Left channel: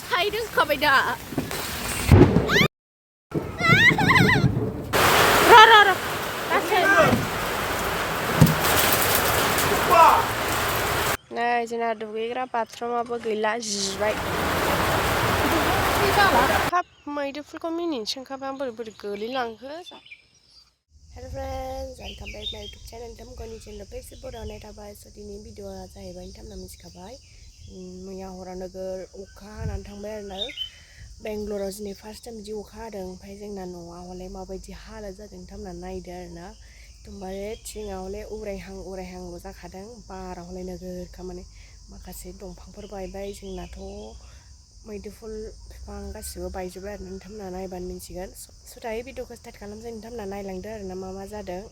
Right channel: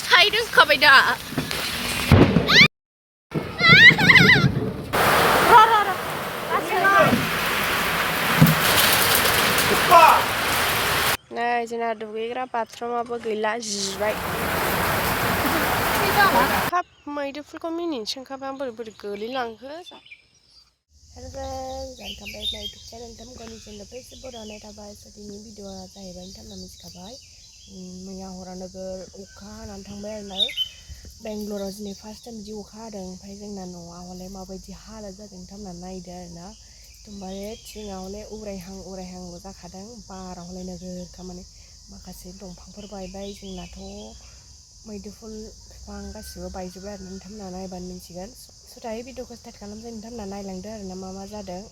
साइदों खाबाय दा नै जोंना दुगैग्रा बाथरुमाबो गैला जिबाय हाब मैदेरफोरखौ मिनिनोसो ओंखारबाय आं बोरै बोरै गोलैलांखो हेल' फ्रेन्ड्स वेलकाम बैक माय यूट्यूब चैनल नोंथांमोननि चैनल पे एसे बरायनाय थाबाय स' दिनै भिडिअआ जाहैबाय नोंथांमोना मिथिखाबाय मैया हराव नोगोर अखा हानानै थांबाय आरोना बेंगलराव दिनै फार्स्ट टाइम बिदि अखा हादों ओमफ्राय जोंना न'आ हले माबायदि हालोद जादों नोंथांमोना नायदो आरोना एकदमबारे थिङा हले उरायहांल' जाखादों बारा हले नोगोरखा माने माखासे दंफांफोर बायबाय जोंनाथ' मैदुफुल बिफां गासिबो बायजोब्बाय आरो नोंथांमोना नायबानो मिन्थिगोन स' दायो भिडिअखौ स्टार्ट खालामसै नोंथांमोना नायलांदो आरोना मा जादों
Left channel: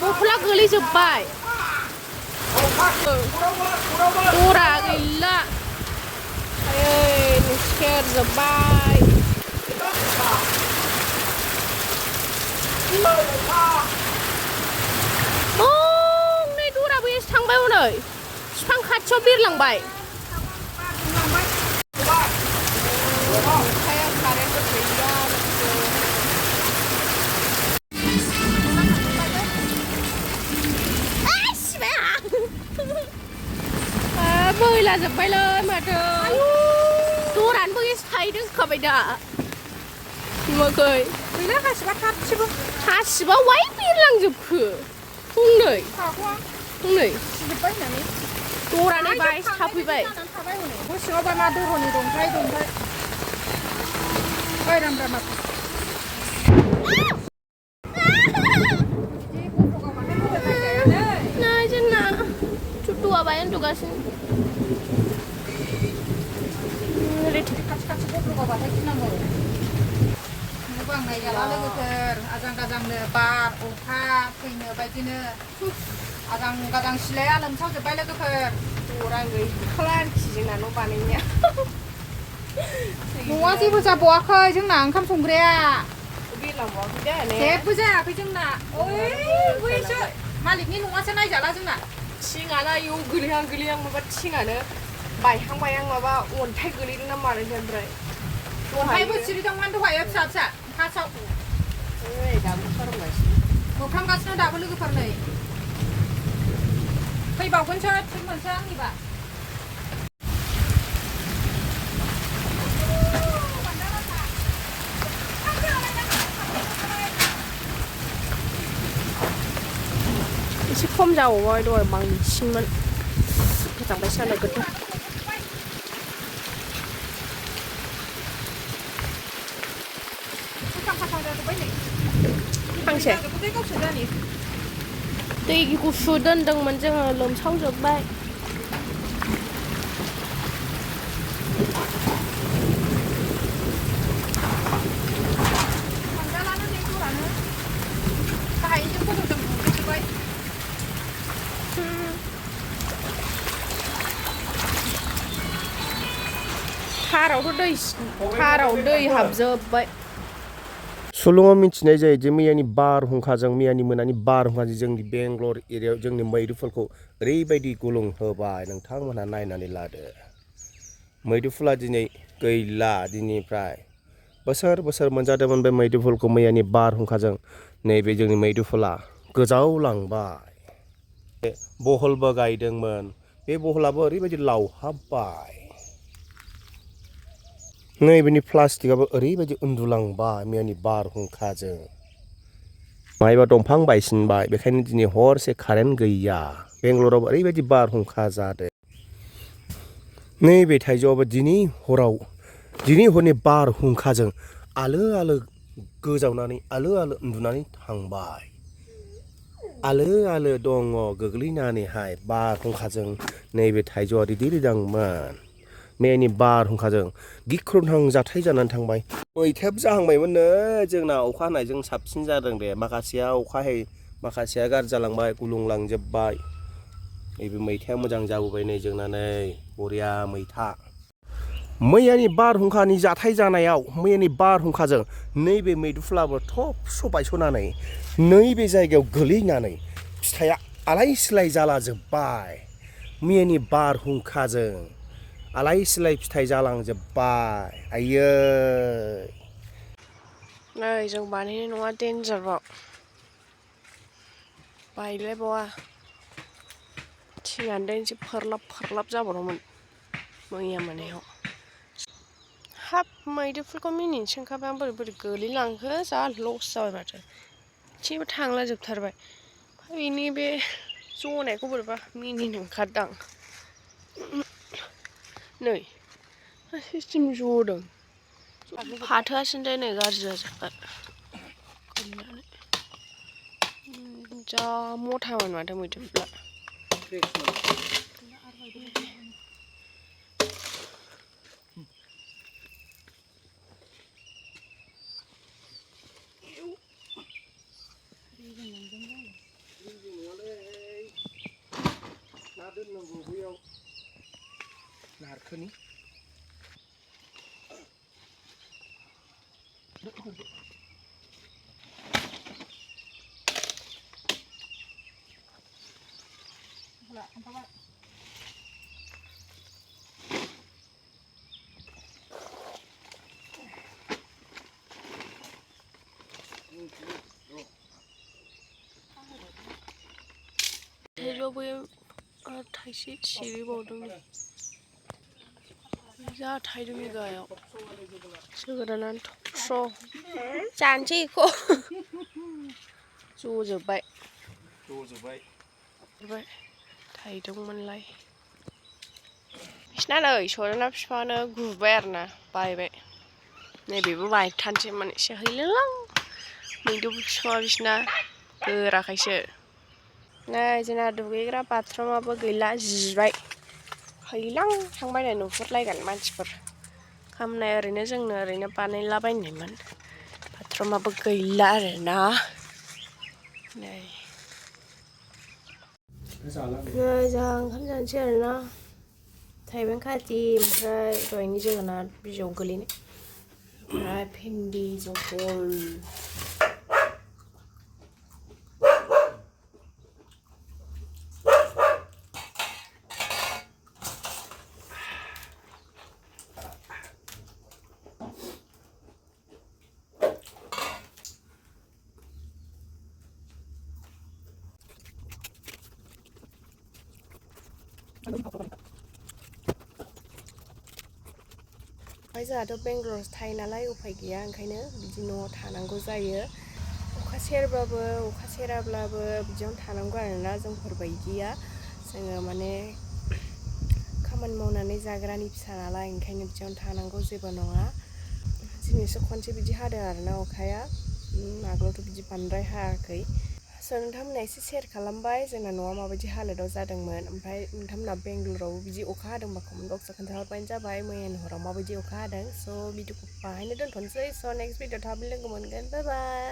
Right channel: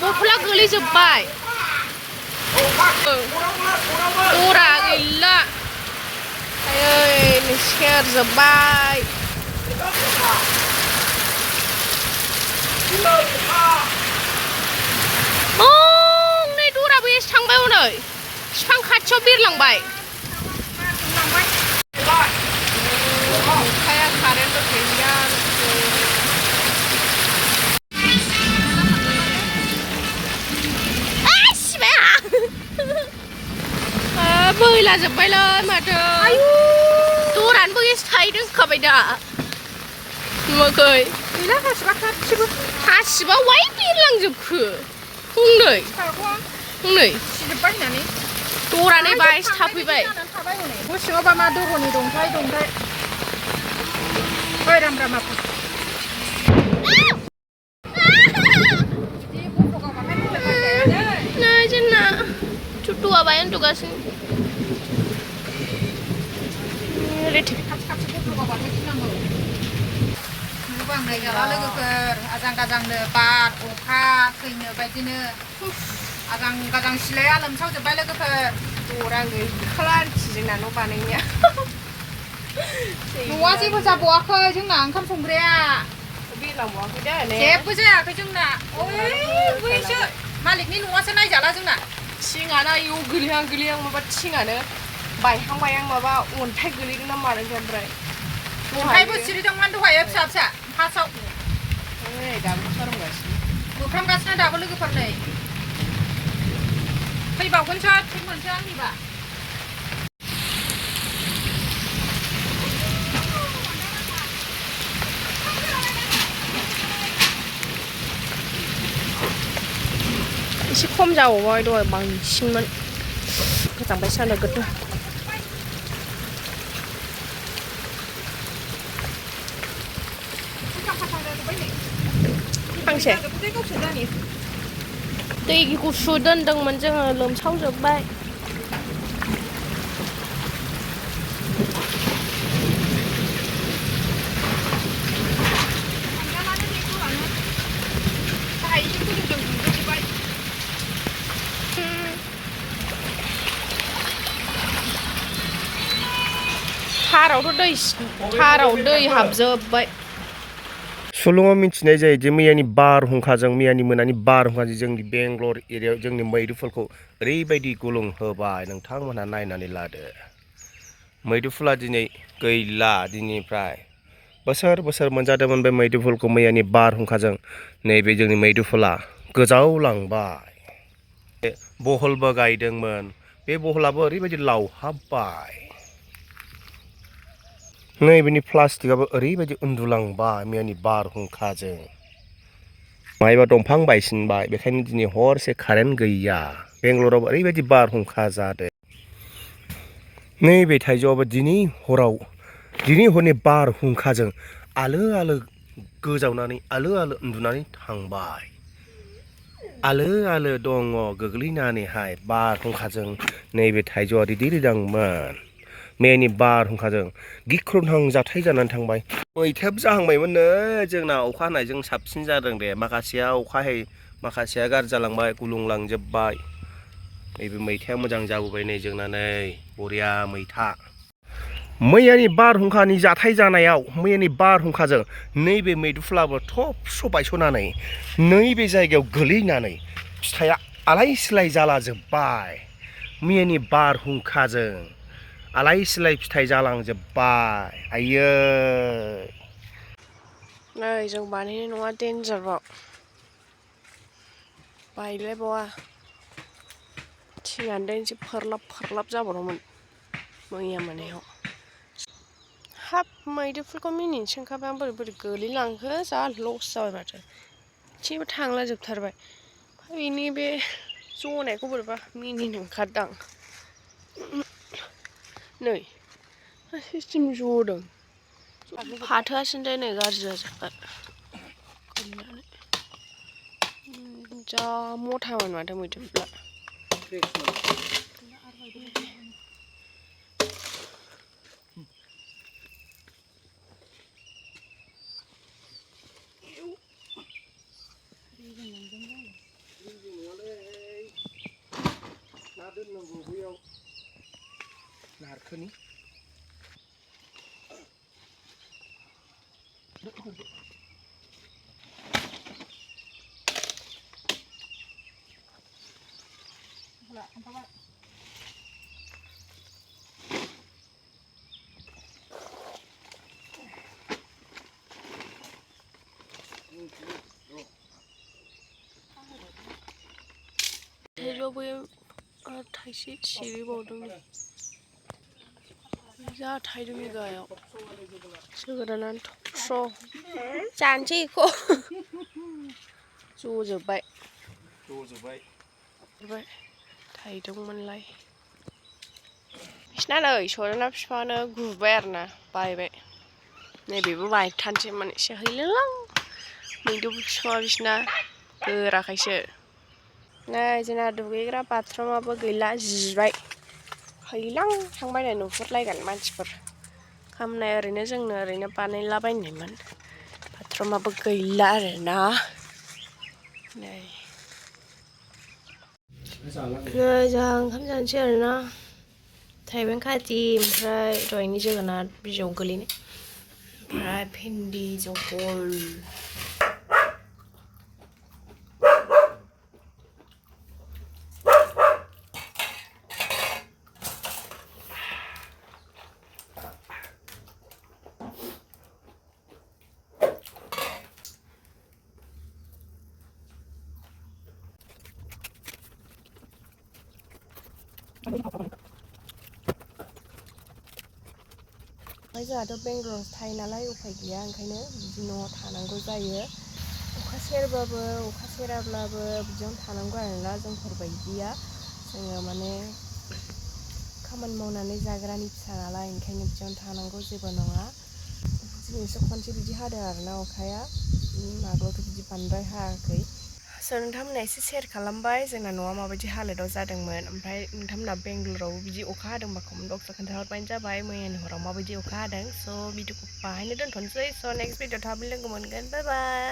बथला गोलैजोब्बाय दरा गैला आयै सेरजोब्बाय नै दराबो एसे थांबाय हनै बिफां खाथियाव बिरलांबाय अखाया कारेन्टबो गैया बैला जोब्बायलै माथो दरानोबो एसे साइदों खाबाय दा नुवाखै गैला हासिबा वाइ बिरलांजोबखो हनै दरानै बायसो थाफैबाय गोसोआवबा मा दरनि दंथाय नै जोंना Tutua bayan tugasin. Bang này giờ lấy cái azang bar uka kayaknya begini azang sile alam sao coba lấy cái orang gay kelar sih nano panenya. Nuwa sih bisa buat kau jeung nang kan sumberia. Bilang buat kita nih. Siapa sih aku jeung na? Oh, bisa. Malik ni nuwa sana jalan jeung na. 층아나 요 그리향 마바 층아는 바이향 마바 온태 그리는 말은 된다래. 온태부 지리정만도 와요 삽사 파서. 에이 나무처럼 가시. 뭐감 가스나 다블 그 판네. फैबावगोनसो थिग मोनसै आंनिबा एसे खम जाबावबाय दहाय बांसिनमोन गोजांबाय सानो गोदो फांसे दै गुसु दोनदोंमोन जोङो लोमसावजोब्बाय थाराव दै हाबजोब्बाय सुलुङाव मिथिनाय जायो जे मैयानि बारहुंखाजों मैयानि मोनानि बारहुंखाजों जोंनि बेंगलर एरियायाव जोंनि मैदेरफोरखौ ओरैबायदि गुलुं होबाय नोंथांमोनहा नायनानै लादो मैदेरफोरा दिनै गैला दिनैनिफ्राय बोसोर बोसोर मोनजादोंमोन बे मैदेरफोरखौ मैयानि बारहुंखाजों नैबे जोंनि मैदेरफोरा गोजावलांबाय बहलबो गायदोंमोन बे बहलाबो ओरैबायदि लावहाबबाय नैबेनि प्लास्टिकआबो ओरैबायदि उन्दुलांबाय मैयानि बारहुंखाजों मायबा दंफां बायसिनबाय बेखायनो दिनै हरसे कारेन्ट गैया बेंगलराव ओरैबायदि बारहुंखा जादों नैबे थाइजौआबो दिनै हरनि बारहुंखाजों आलो आलो गोजावनानै आलो आलो उन्दुनानै थांबाय आलो आलो दङ गोग्लैनानैहाय बारहुंखाजों नैबे थाइजौआ रिदिरिदांमोन मैयानि बारहुंखाजों गिख्रंथाव जाथाय जानानै थांबाय मैथायाबो जाहांबायमोननो जोंना अखा हानायजों साबसिन जादों दे माखासेया अखा हायै माखासेया गाज्रि जालांबाय गुलुंलांजोब्बाय नैबे मैथाया मोजां जाबोबाय नै जोंना नै बरिया मैथा मैयानि बारहुंखानि जाथाय जानायाव मैयानि बारहुंखाजों नैबे मैदुफुलाबो थबस्र' बायस'नानै नैबे जायगायाव गोलैनानै फिथाइया आलाय सिलाय जालाजोब्बाय मैयानि बारहुंखाजों आलाय सिलाय फिथाइ जालांजोब्बाय आयै नै जों बानायनाय नङा देन्जारबाव बायलायबावा थिङानो देनसो फोरलाब जाबावदोंमोन मैया मोनायाव हाब मैदेरफोरखौ मिनिनोसो ओंखारबाय आं बोरै गोलैलांखो जा लस जाबाय माथो एसेबो थांला जोबथारबाय बेनि बे जनायखौ बोरैबा मिनिनो ओंखारदां नै सिस्टेम जदों फाथोआसो नै गाज्रि जाजोब्बाय गैलानो जा मथामोन माथो मैदेरफोरा ना दोननांगौ बैयाव नारखोनि थाइसे सिरिबावदों जा थाइदों गायाव जोगोनारानो थबस्र' जानोसै बेखौ जजोब्बाय थाइदोंमोनलाय बिसिना नै सजना बिफाङानो गुबाय आरोना बायबाय नैबेबो बायथारनोसैमोन एसे हैलोलां मैदुफुल बिफाङा बिसिना गोराखायसो नै जोंना दुगैग्रा बाथरुमाबो गैला जिबाय हैलां थांबाय नै नुहुरलायगोन मानसिफोर खामनाय ओरैनो जोंनो ओरैनो बानायलाबायनायमोन बाथरुमाबो गैला आरोना नै जोंहा ओंखाम जानोसै आरोना थाइबें खाजि ओमफ्राय दहायनि जोगोनार बिजौ गोलैनाय ओमफ्राय भिन्दि जहल जोंहाथ' बेंगलरावसो थायो नालाय उफाय गैया ओंखायनो बिदि न'आव थानांगौ जायो अखा सेरबाबो अखा सेराब्लाबो बिदियावनो थानांगौ आरोना जोंफोरबायदिया जोङो माने खामानि मावनानै जाग्रानि फिसा नालाय ओंखायनो बिदियावनो थानांगौ जेबो नङा दिनैसो खनसे बिदि हादों आरोना अखाया आगोलावथ' बिदि बांद्राय हायाखै स' नोंथांमोना एसे शेयार खालामबाय जोंना न'आ माबायदि हालोदाव जादोंमोन ओमफ्राय नोंथांमोना बेंगलरावबो बिदि अखा हादोंबा कमेन्ट बक्सआव खोन्थाहरबानो जाबाय मैयानि हराव माबायदि अखा हादों स' भिडिअखौ बाहायनो दोनथ'नोसै स' नेक्स्ट भिडिअ थाबैनो लोगो मोनगोन बाय बाय